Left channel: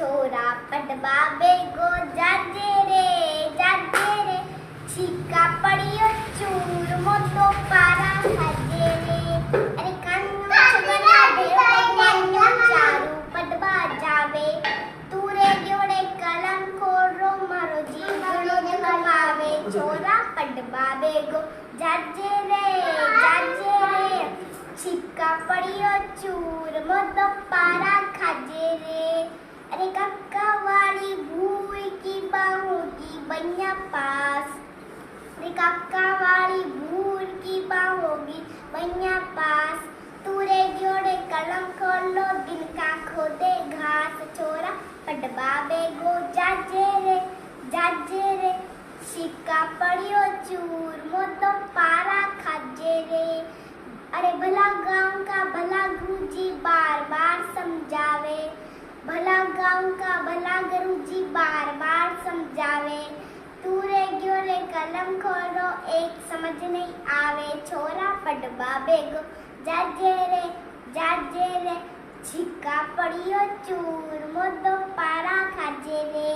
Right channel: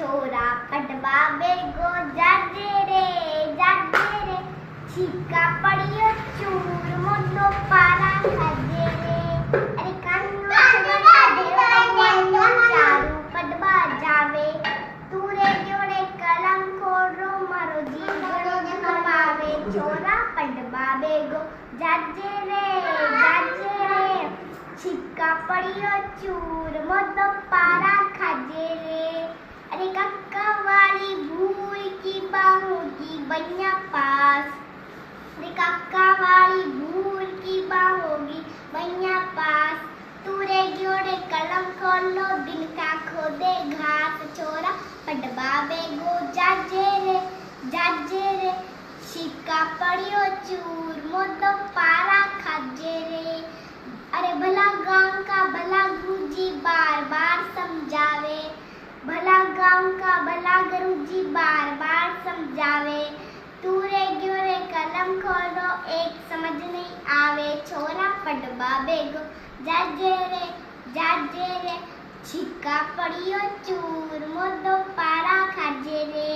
छोरा पटवा बेगो जाजे रे छिक्का पड़ियो चूर मोटो पारा खाजे रे अरे कान्नो छगना देवा चारू पटवा जावे तूरे जोड़े कलम खोरो मारो जीवनो नमावे छोरा पटवा बेगो जाजे रे छिक्का पड़ियो चूर मोटो पारा खाजे रे अरे कक्का वाली भूर की बाहों की बनिया पास अरे कक्का वाली भूर की बाहों की बनिया पास तूरे जोड़े कलम खोलो दिन का खोदे घास छोरा पटवा बेगो जाजे रे छिक्का पड़ियो चूर मोटो पारा खाजे रे अरे भला गांव का भला गुरुजी बार बार समझावे भला गांव का भला गुरुजी बार बार समझावे तूरे ग्योरे कलम खोलो एक समझ नहीं आवे छोरा पटवा बेगो जाजे रे छिक्का पड़ियो चूर मोदो पारा खाजे रे।